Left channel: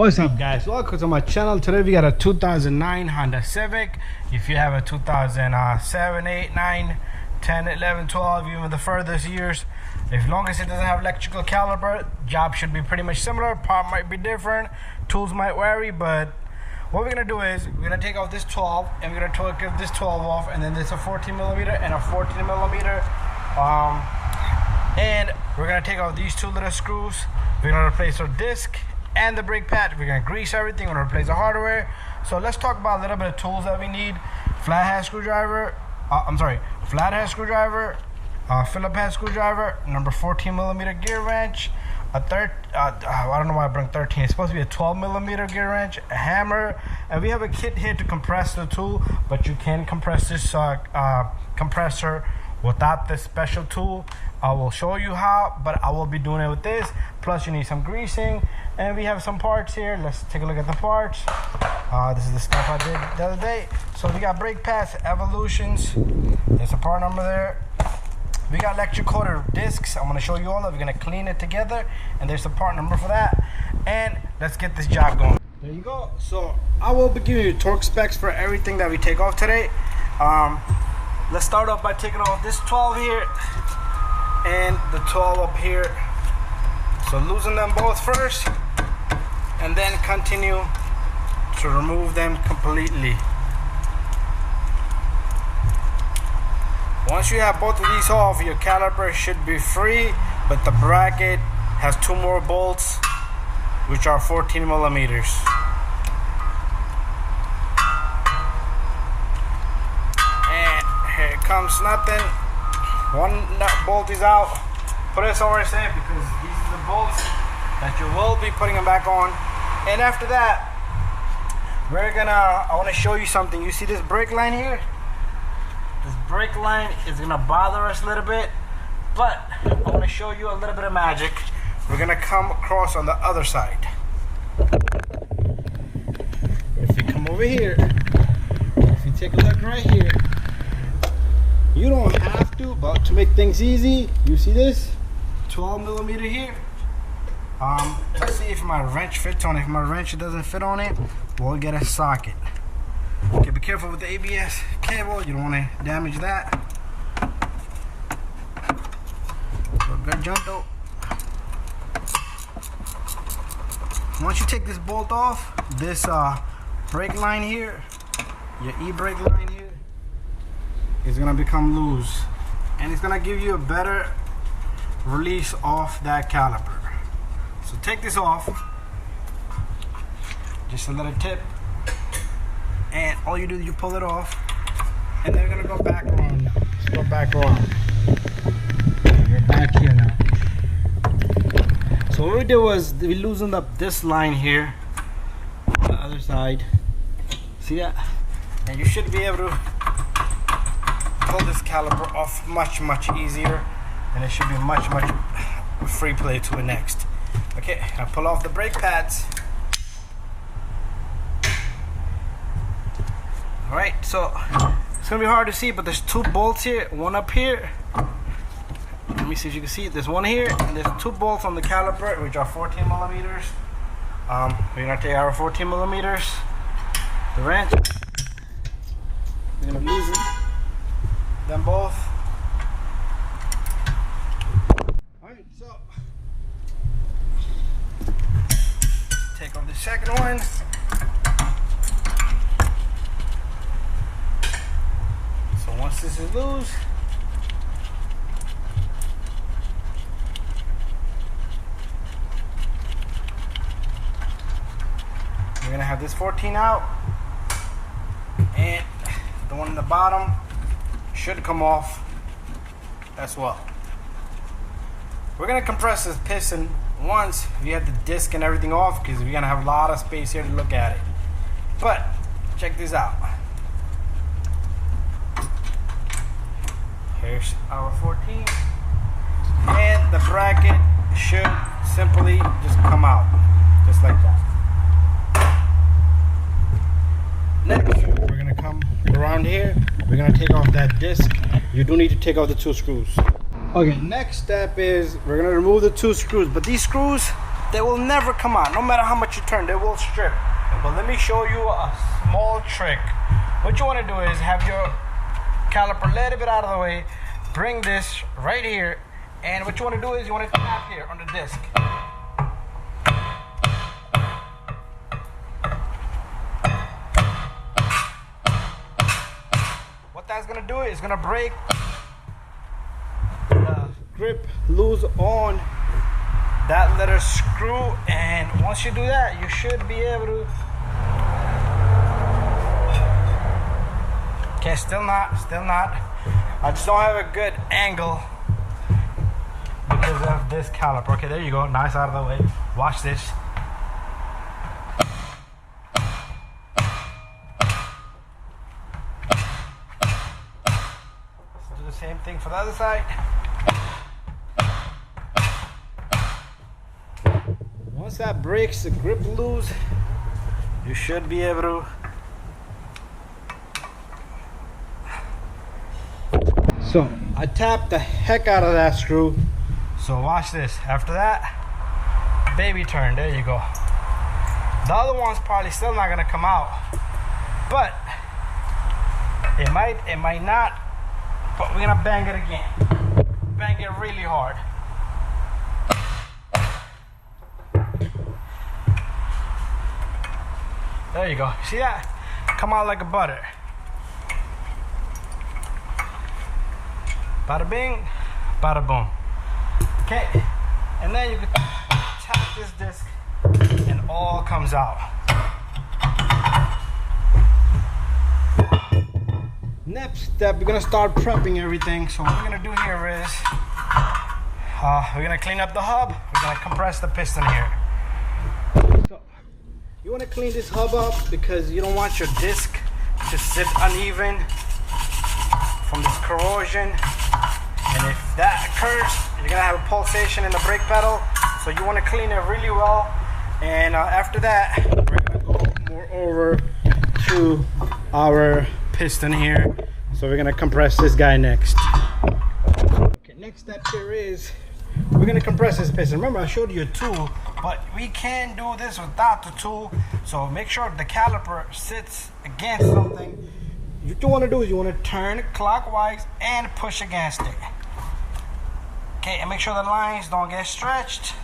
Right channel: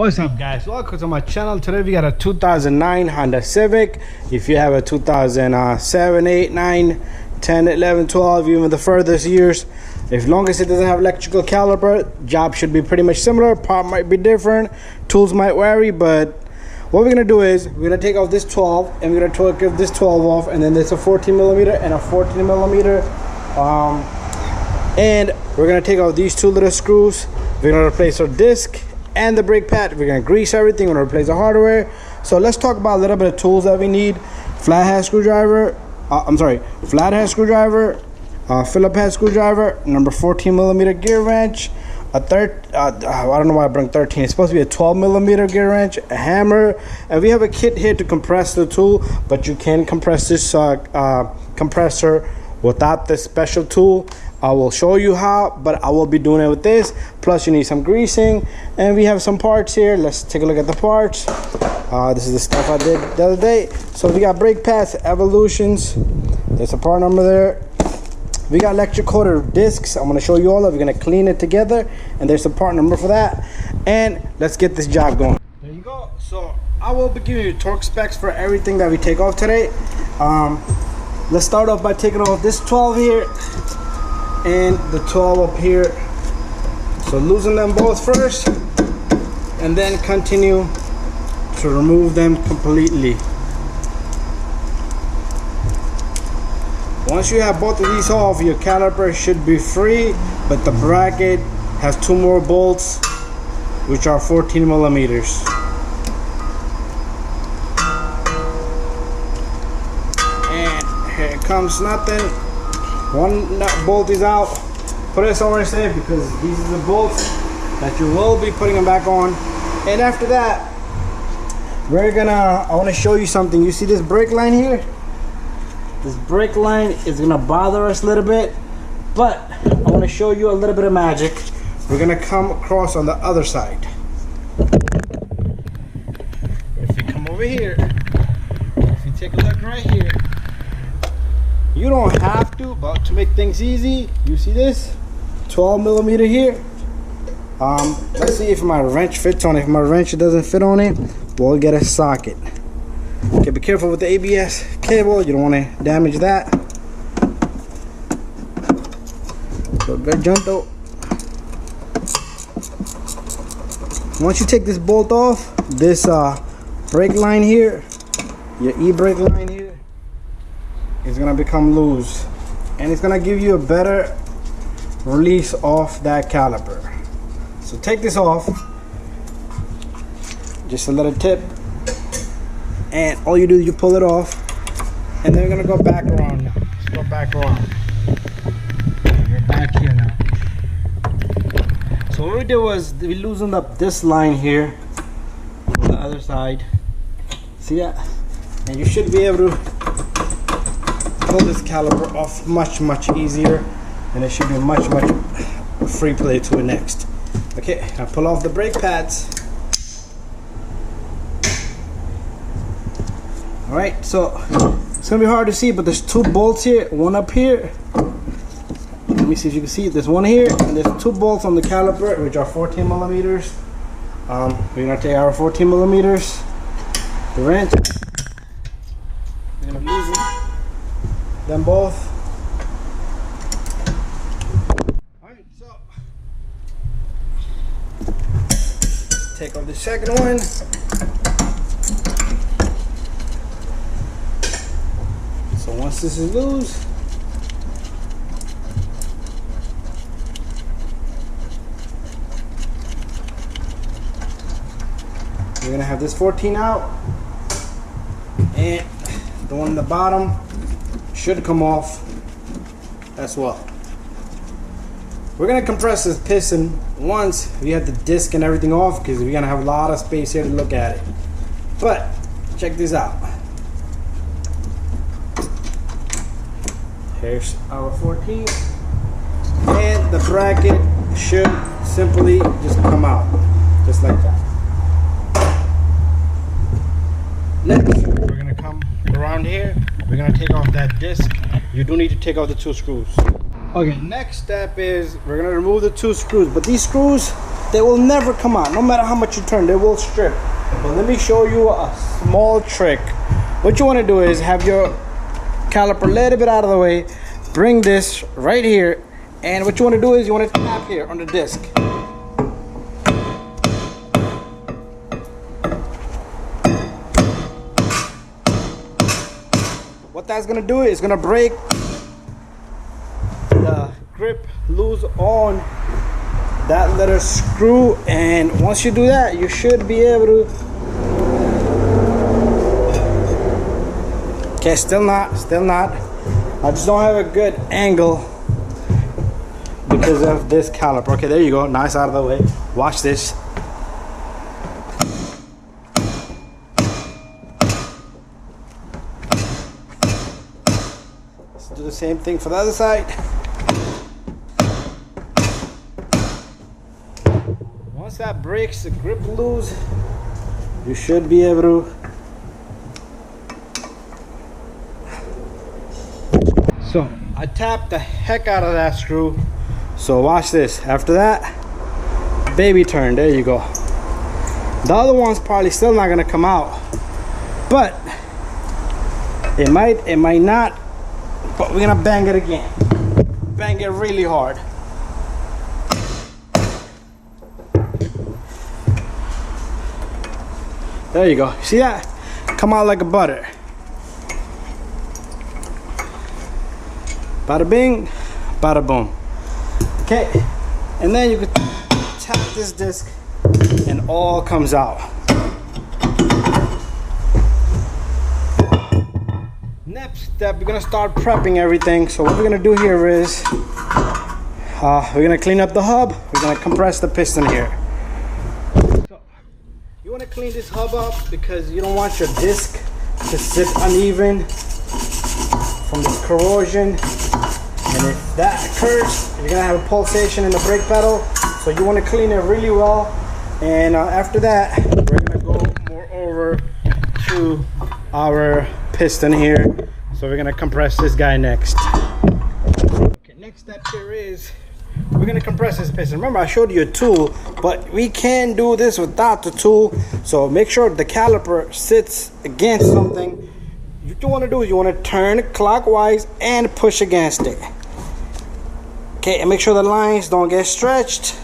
What's up, guys? Welcome to my channel. Today we got a 2009 Honda Civic. If you have a 2007, 8, 9, 10, 11, 12, even the furthest years, as long as it doesn't have electrical caliper, job should be pretty much similar. Part might be different, tools might vary, but what we're gonna do is we're gonna take off this 12 and we're gonna take this 12 off, and then there's a 14 millimeter and a 14 millimeter, and we're gonna take off these two little screws. We're gonna replace our disc and the brake pad. We're gonna grease everything. We're gonna replace the hardware. So let's talk about a little bit of tools that we need. Flathead screwdriver, flathead screwdriver, Phillips head screwdriver, number 14 millimeter gear wrench, I don't know why I bring 13. It's supposed to be a 12 millimeter gear wrench, a hammer, and we have a kit here to compress the tool, but you can compress this compressor without this special tool. I will show you how, but I will be doing it with this. Plus you need some greasing, and we have some parts here. Let's take a look at the parts. This is the stuff I did the other day. So we got brake pads, Evolutions. There's a part number there. We got electric coated discs. I'm gonna show you all of it. We're gonna clean it together, and there's a part number for that. And let's get this job going. There you go. So I will be giving you torque specs for everything that we take off today. Let's start off by taking off this 12 here and the 12 up here. So loosen them both first and then continue to remove them completely. Once you have both of these off, your caliper should be free, but the bracket has two more bolts which are 14 millimeters. And here it comes nothing. One nut bolt is out. Put it somewhere safe, because these are the bolts that you will be putting them back on. And after that, I want to show you something. You see this brake line here? This brake line is gonna bother us a little bit, but I want to show you a little bit of magic. We're gonna come across on the other side. If you come over here, if you take a look right here, you don't have to, but to make things easy, you see this 12 millimeter here. Let's see if my wrench fits on it. If my wrench doesn't fit on it, we'll get a socket. Okay, be careful with the ABS cable. You don't want to damage that. So good jump though. Once you take this bolt off, this brake line here, your e-brake line here, is gonna become loose, and it's gonna give you a better release off that caliper. So take this off, just a little tip, and all you do is you pull it off, and then we're gonna go back around now. Let's go back around. We're back here now. So what we did was we loosened up this line here on the other side. See that? And you should be able to pull this caliper off much easier, and it should be much free play to it next. Okay, I pull off the brake pads. All right, so it's gonna be hard to see, but there's two bolts here, one up here. Let me see if you can see it. There's one here, and there's two bolts on the caliper, which are 14 millimeters. We're gonna take our 14 millimeters, the wrench. We're gonna loosen them both. Alright, so take off the second one. So once this is loose, we're gonna have this 14 out, and the one in the bottom should come off as well. We're gonna compress this piston once we have the disc and everything off, because we're gonna have a lot of space here to look at it. But check this out. Here's our 14, and the bracket should simply just come out just like that. Next, we're gonna come around here. We're gonna take off that disc. You do need to take off the two screws. Okay, next step is we're gonna remove the two screws, but these screws they will never come out. No matter how much you turn, they will strip. But let me show you a small trick. What you want to do is have your caliper a little bit out of the way, bring this right here, and what you want to do is you want to tap here on the disc. What that's going to do is going to break the grip loose on that little screw, and once you do that, you should be able to. Okay, still not. I just don't have a good angle because of this caliper. Okay, there you go. Nice out of the way. Watch this. Let's do the same thing for the other side. Once that breaks the grip loose, you should be able to. So I tapped the heck out of that screw. So watch this. After that, baby turn. There you go. The other one's probably still not gonna come out, but it might not. But we're gonna bang it again. Bang it really hard. There you go. See that? Come out like a butter. Bada bing, bada boom. Okay, and then you can tap this disc and all comes out. Next step, we're gonna start prepping everything. So what we're gonna do here is we're gonna clean up the hub. We're gonna compress the piston here. So you wanna clean this hub up because you don't want your disc to sit uneven from this corrosion. And if that occurs, you're gonna have a pulsation in the brake pedal. So you wanna clean it really well. And after that, we're gonna go more over to our piston here. So we're gonna compress this guy next. Okay, next step here is we're gonna compress this piston. Remember, I showed you a tool, but we can do this without the tool. So make sure the caliper sits against something. What you want to do is you want to turn clockwise and push against it. Okay, and make sure the lines don't get stretched.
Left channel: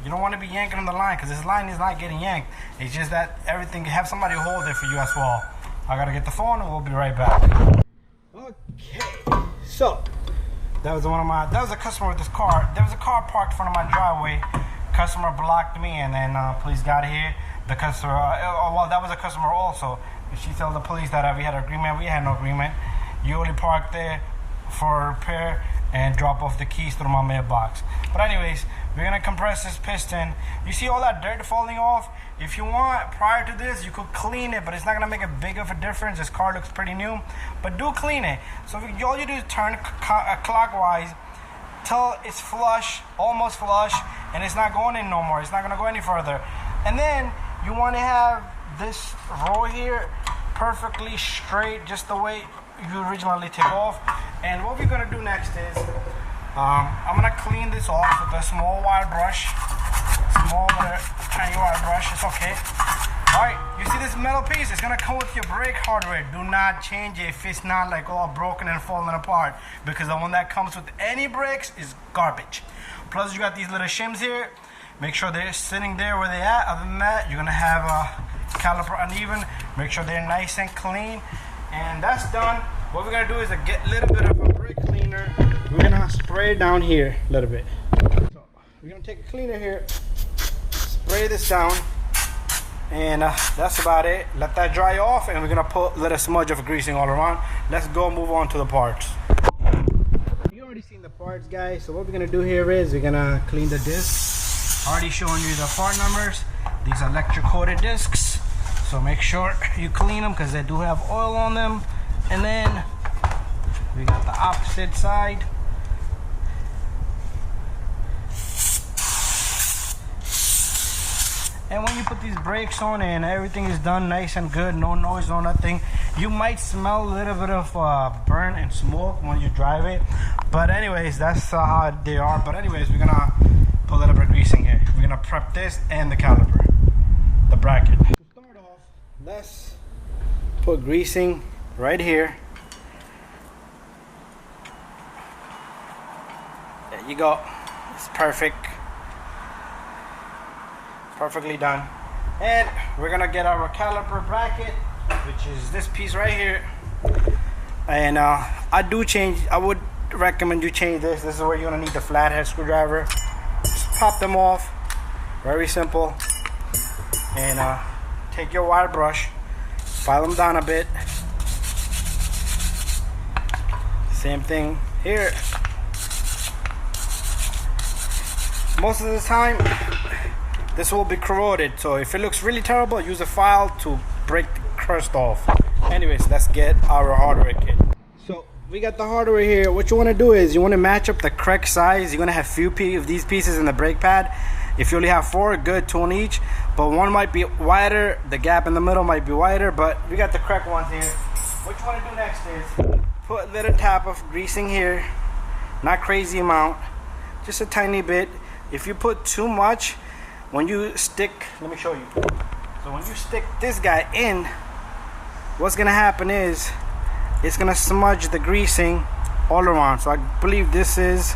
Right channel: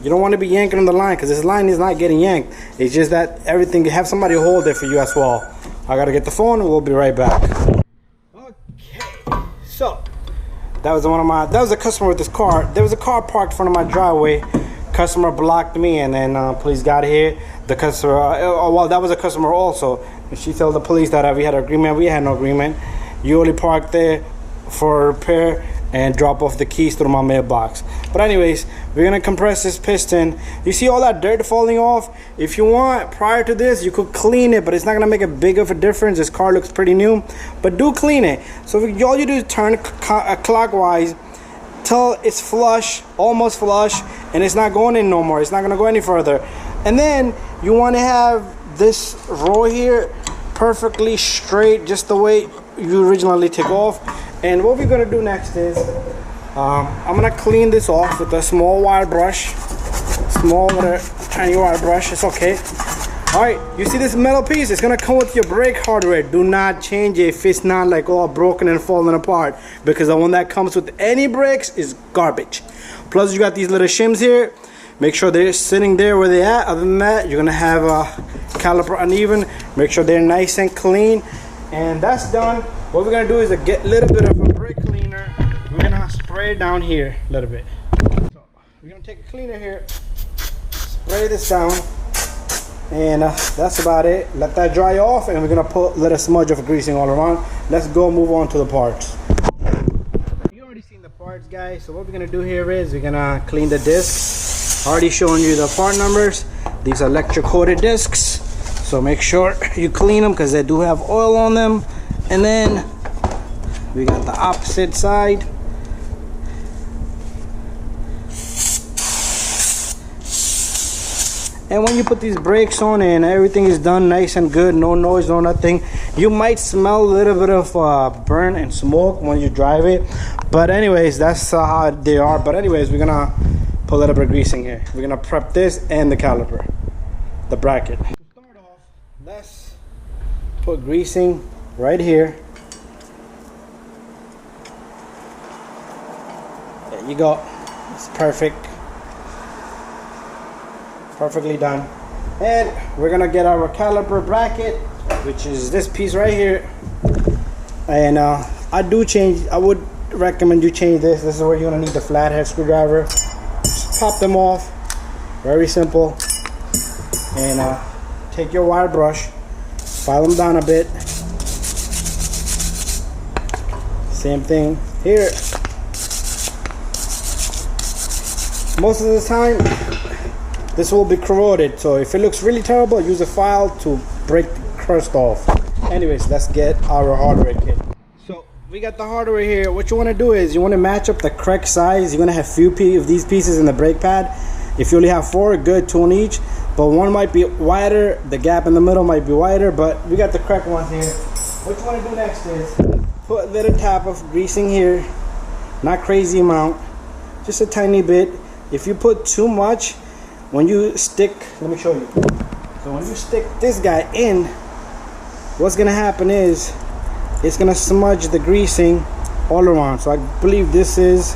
You don't want to be yanking on the line because this line is not getting yanked. It's just that everything, you have somebody hold it for you as well. I gotta get the phone and we'll be right back. Okay, so that was a customer with this car. There was a car parked in front of my driveway. Customer blocked me, and then police got here. The customer, well, that was a customer also. She told the police that we had an agreement. We had no agreement. You only parked there for repair and drop off the keys through my mailbox. But anyways, we're gonna compress this piston. You see all that dirt falling off? If you want, prior to this, you could clean it, but it's not gonna make a big of a difference. This car looks pretty new, but do clean it. So all you do is turn clockwise till it's flush, almost flush, and it's not going in no more. It's not gonna go any further. And then you wanna have this row here perfectly straight, just the way you originally took off. And what we're gonna do next is I'm gonna clean this off with a small wire brush, tiny wire brush. It's okay. All right, you see this metal piece? It's gonna come with your brake hardware. Do not change it if it's not like all broken and falling apart, because the one that comes with any brakes is garbage. Plus you got these little shims here. Make sure they're sitting there where they're at. Other than that, you're gonna have a caliper uneven. Make sure they're nice and clean. And that's done. What we're gonna do is get a little bit of a brake cleaner. We're gonna spray it down here a little bit. So we're gonna take a cleaner here, spray this down, and that's about it. Let that dry off, and we're gonna put a little smudge of greasing all around. Let's go move on to the parts. You already seen the parts, guys. So what we're gonna do here is we're gonna clean the discs. Already showing you the part numbers. These are electric coated discs, so make sure you clean them because they do have oil on them. And then we got the opposite side. And when you put these brakes on and everything is done nice and good, no noise, no nothing, you might smell a little bit of burn and smoke when you drive it. But anyways, that's how they are. But anyways, we're gonna put a little bit of greasing here. We're gonna prep this and the caliper, the bracket. To start off, let's put greasing right here. There you go. It's perfect. Perfectly done. And we're gonna get our caliper bracket, which is this piece right here. And I would recommend you change this. This is where you're gonna need the flathead screwdriver. Just pop them off. Very simple. And take your wire brush, file them down a bit. Same thing here. Most of the time, this will be corroded, so if it looks really terrible, use a file to break the crust off. Anyways, let's get our hardware kit. So we got the hardware here. What you want to do is you want to match up the correct size. You're going to have few of these pieces in the brake pad. If you only have 4, good, 2 on each, but one might be wider, the gap in the middle might be wider, but we got the correct ones here. What you want to do next is put a little tap of greasing here, not crazy amount, just a tiny bit. If you put too much, when you stick, let me show you. So when you stick this guy in, what's gonna happen is it's gonna smudge the greasing all around. So I believe this is,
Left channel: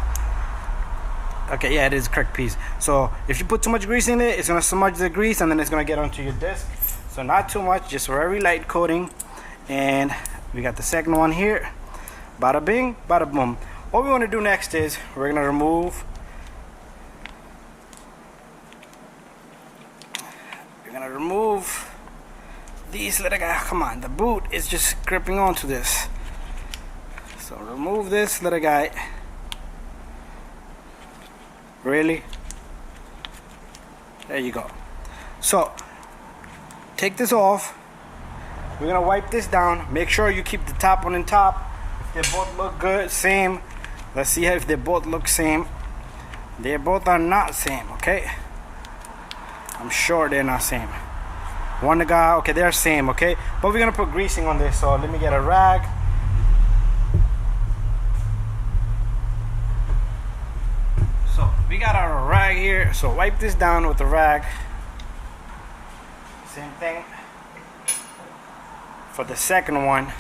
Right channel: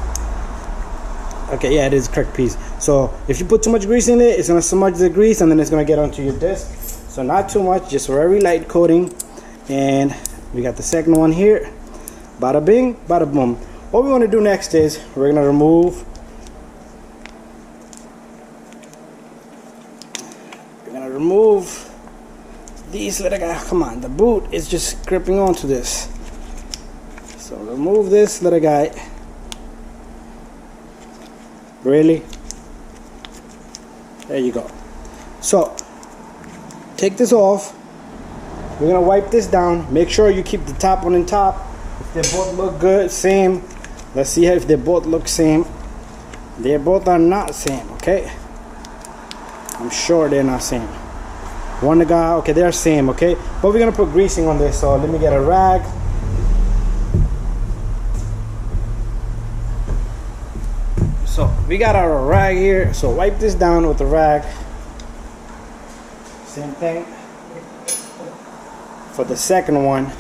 okay, yeah, it is the correct piece. So if you put too much grease in it, it's gonna smudge the grease and then it's gonna get onto your disc. So not too much, just very light coating. And we got the second one here. Bada bing, bada boom. What we wanna do next is we're gonna remove these little guys. Come on, the boot is just gripping onto this. So remove this little guy. Really? There you go. So take this off. We're gonna wipe this down. Make sure you keep the top one on top. If they both look good, same. Let's see if they both look same. They both are not same, okay? I'm sure they're not same. One guy, okay, they're same, okay? But we're gonna put greasing on this, so let me get a rag. So we got our rag here, so wipe this down with the rag. Same thing for the second one.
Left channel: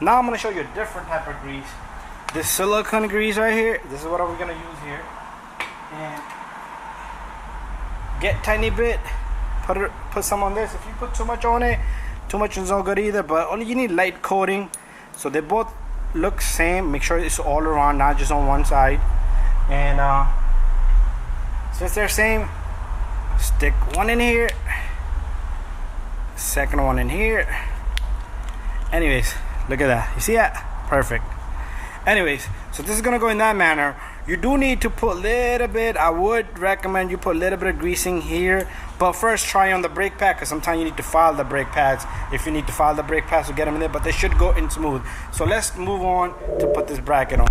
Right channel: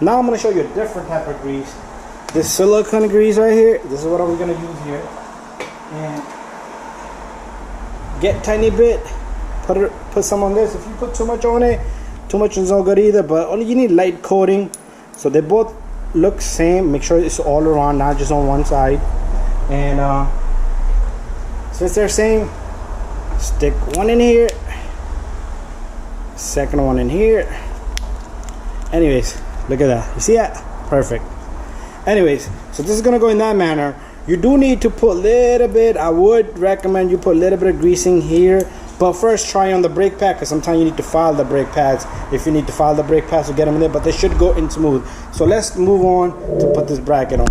Now I'm gonna show you a different type of grease. This silicone grease right here, this is what I'm gonna use here. And get tiny bit, put some on this. If you put too much on it, too much is not good either, but only you need light coating so they both look same. Make sure it's all around, not just on one side. And since they're same, stick one in here, second one in here. Anyways, look at that, you see that? Perfect. Anyways, so this is gonna go in that manner. You do need to put a little bit, I would recommend you put a little bit of greasing here, but first try on the brake pad, because sometimes you need to file the brake pads. If you need to file the brake pads to get them in there, but they should go in smooth. So let's move on to put this bracket on.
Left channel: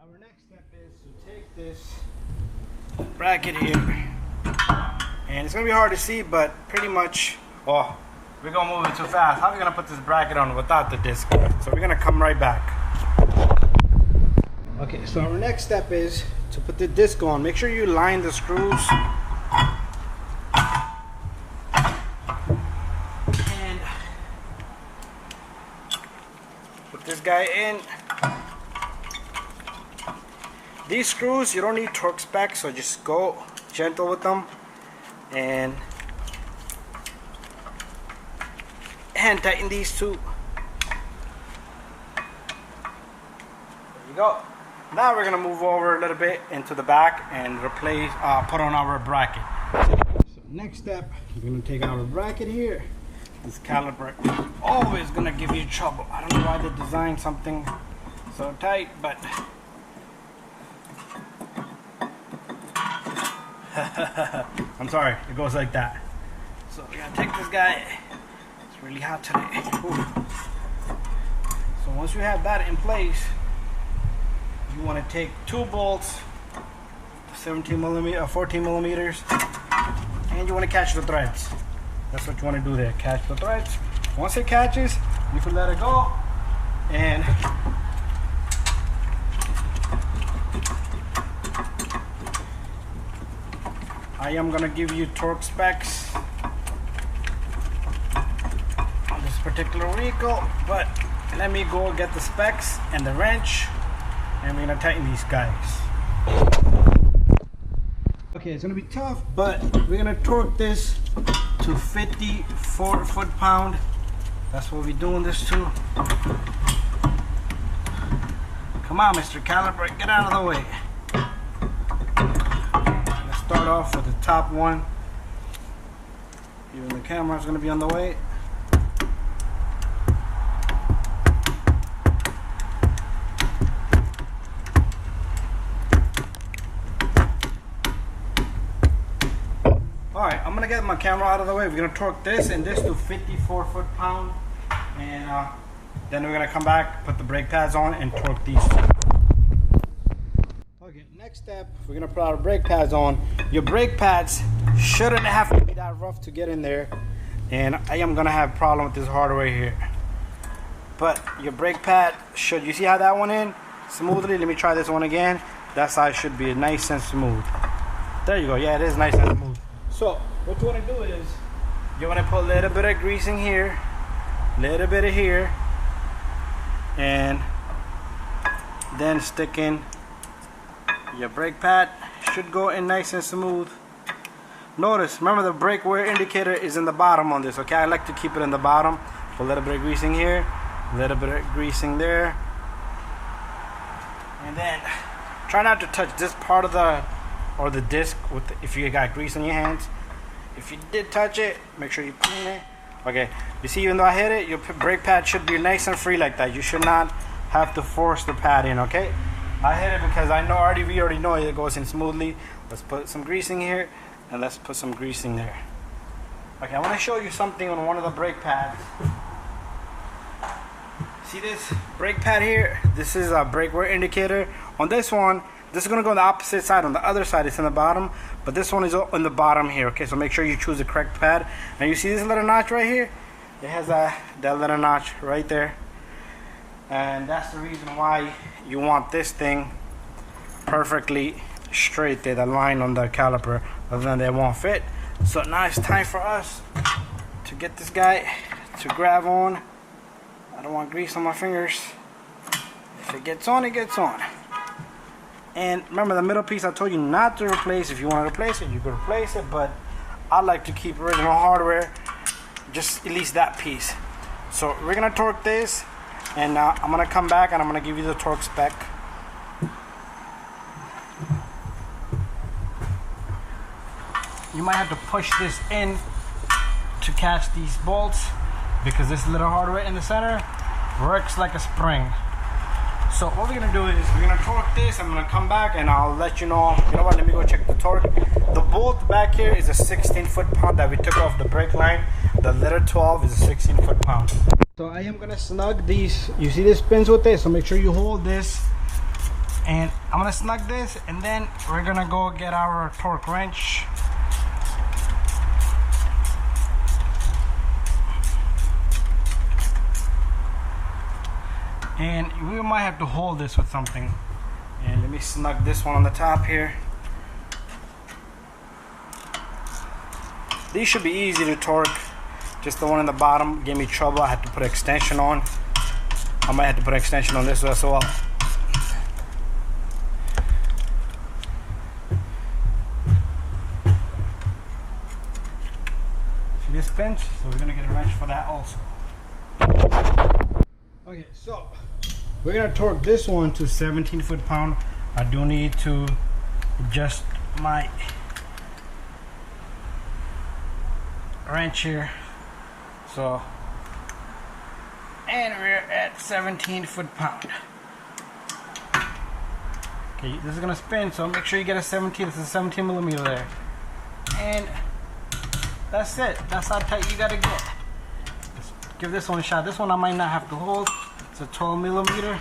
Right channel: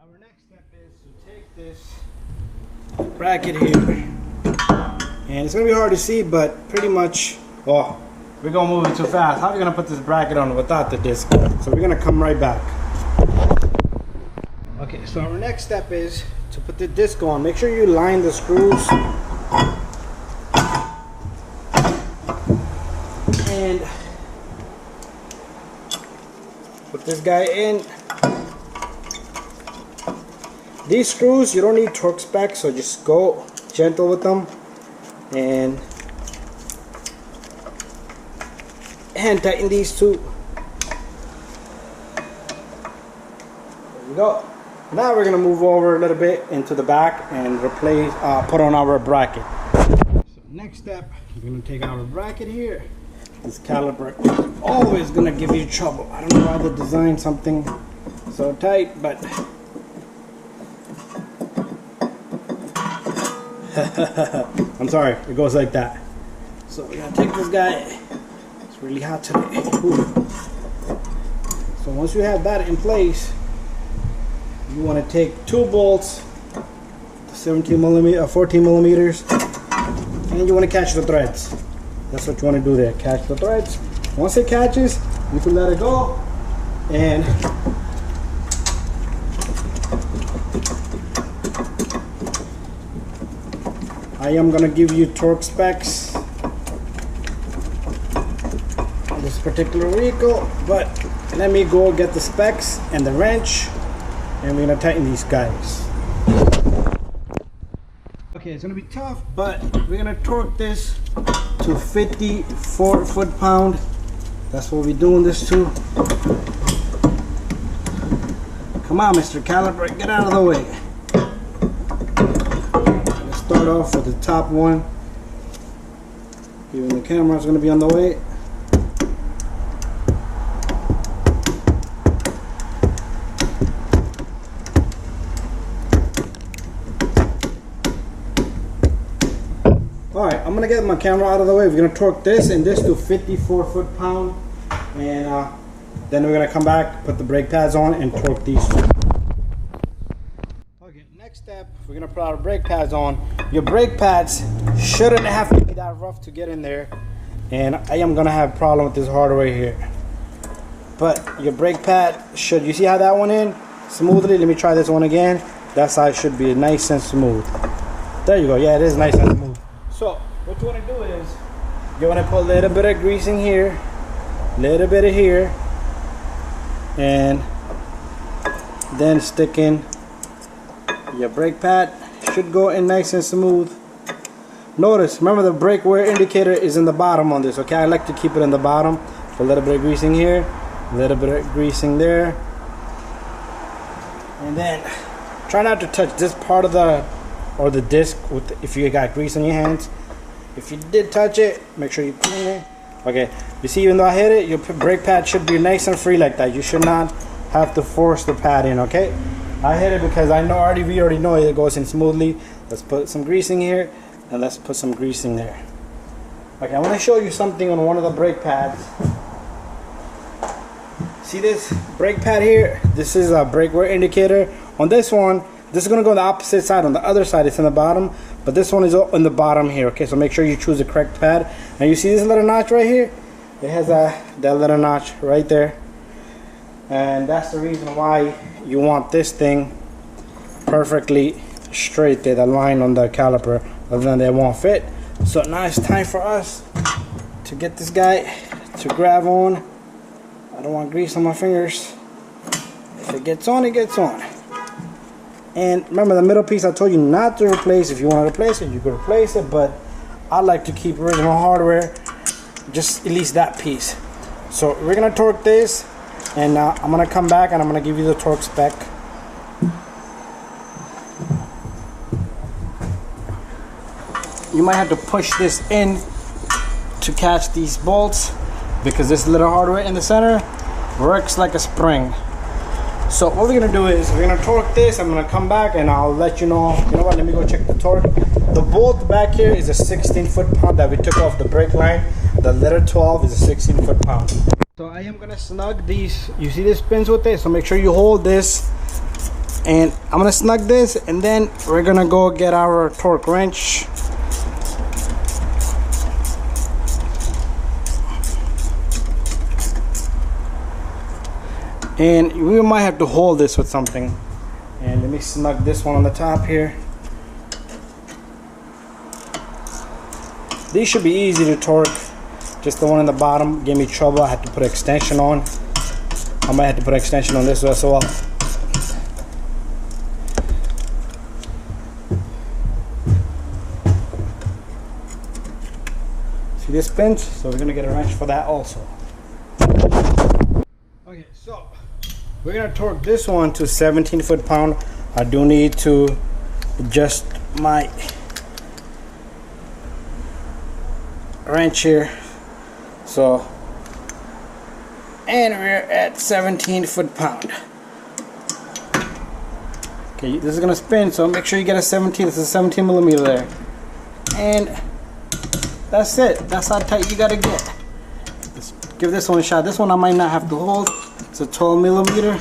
Our next step is to take this bracket here, and it's gonna be hard to see, but pretty much, oh, we're gonna move it too fast. How are we gonna put this bracket on without the disc? So we're gonna come right back. Okay, so our next step is to put the disc on. Make sure you line the screws. And put this guy in. These screws, you don't need torque spec, so just go gentle with them. And hand tighten these two. There you go. Now we're gonna move over a little bit into the back and replace, put on our bracket. So next step, we're gonna take our bracket here. This caliper is always gonna give you trouble. I don't know why they designed something so tight, but I'm sorry, it goes like that. So we're gonna take this guy. It's really hot today. Ooh. So once you have that in place, you want to take 2 bolts, 14 millimeters, and you want to catch the threads. That's what you want to do there, catch the threads. Once it catches, you can let it go, and I am gonna give you torque specs on this particular vehicle, but let me go get the specs and the wrench, and we're gonna tighten these guys. Okay, it's gonna be tough, but we're gonna torque this to 54 foot-pound. That's what we're doing this to. Come on, Mr. Caliper, get out of the way. Let's start off with the top one. Even the camera's gonna be on the way. Alright, I'm gonna get my camera out of the way. We're gonna torque this and this to 54 foot-pound, and then we're gonna come back, put the brake pads on, and torque these two. Okay, next step, we're gonna put our brake pads on. Your brake pads shouldn't have to be that rough to get in there, and I am gonna have a problem with this hardware here. But your brake pad should, you see how that went in smoothly? Let me try this one again. That side should be nice and smooth. There you go. Yeah, it is nice and smooth. So what you want to do is you want to put a little bit of grease in here, a little bit of here, and then stick in your brake pad. Should go in nice and smooth. Notice, remember the brake wear indicator is in the bottom on this, okay? I like to keep it in the bottom. Put a little bit of greasing here, a little bit of greasing there, and then try not to touch this part of the disc with if you got grease on your hands. If you did touch it, make sure you clean it. Okay, you see, even though I hit it, your brake pad should be nice and free like that. You should not have to force the pad in, okay? I hit it because I know we already know it goes in smoothly. Let's put some greasing here, and let's put some greasing there. Okay, I want to show you something on one of the brake pads. See this brake pad here? This is a brake wear indicator. On this one, this is going to go on the opposite side. On the other side, it's in the bottom, but this one is on the bottom here. Okay, so make sure you choose the correct pad. Now you see this little notch right here? It has that little notch right there, and that's the reason why you want this thing perfectly straight there, the line on the caliper, other than they won't fit. So now it's time for us to get this guy to grab on. I don't want grease on my fingers. If it gets on, it gets on. And remember the middle piece I told you not to replace. If you want to replace it, you can replace it, but I like to keep original hardware, just at least that piece. So we're gonna torque this, and I'm gonna come back and I'm gonna give you the torque spec. You might have to push this in to catch these bolts, because this little hardware in the center works like a spring. So what we're gonna do is we're gonna torque this. I'm gonna come back and I'll let you know. You know what? Let me go check the torque. The bolt back here is a 16 foot-pound that we took off the brake line. The letter 12 is a 16 foot-pound. So I am gonna snug these. You see this pins with it, so make sure you hold this. And I'm gonna snug this, and then we're gonna go get our torque wrench. And we might have to hold this with something. And let me snug this one on the top here. These should be easy to torque. Just the one in the bottom gave me trouble. I had to put an extension on. I might have to put an extension on this as well. See this pinch? So we're gonna get a wrench for that also. Okay, so we're gonna torque this one to 17 foot-pound. I do need to adjust my wrench here. So, and we're at 17 foot-pound. Okay, this is gonna spin, so make sure you get a 17. This is a 17 millimeter there. And that's it. That's how tight you gotta get. Let's give this one a shot. This one I might not have to hold. It's a 12 millimeter.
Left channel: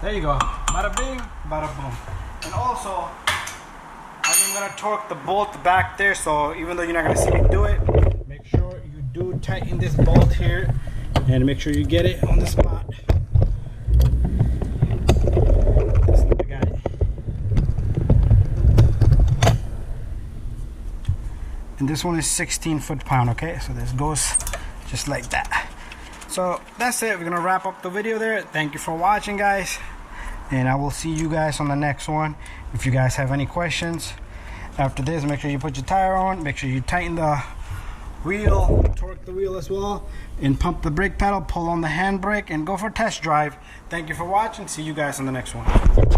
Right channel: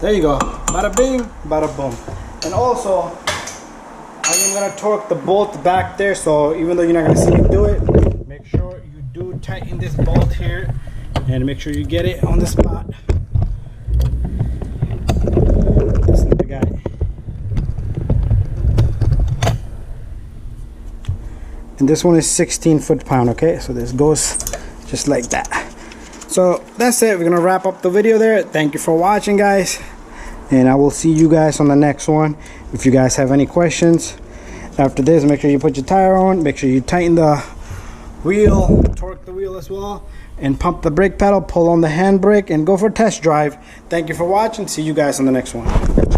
There you go. Bada bing, bada boom. And also, I am gonna torque the bolt back there. So even though you're not gonna see me do it, make sure you do tighten this bolt here, and make sure you get it on the spot. This is the guy. and this one is 16 foot-pound. Okay, so this goes just like that. So that's it. We're gonna wrap up the video there. Thank you for watching, guys, and I will see you guys on the next one. If you guys have any questions after this, make sure you put your tire on, make sure you tighten the wheel, torque the wheel as well, and pump the brake pedal, pull on the handbrake, and go for a test drive. Thank you for watching. See you guys on the next one.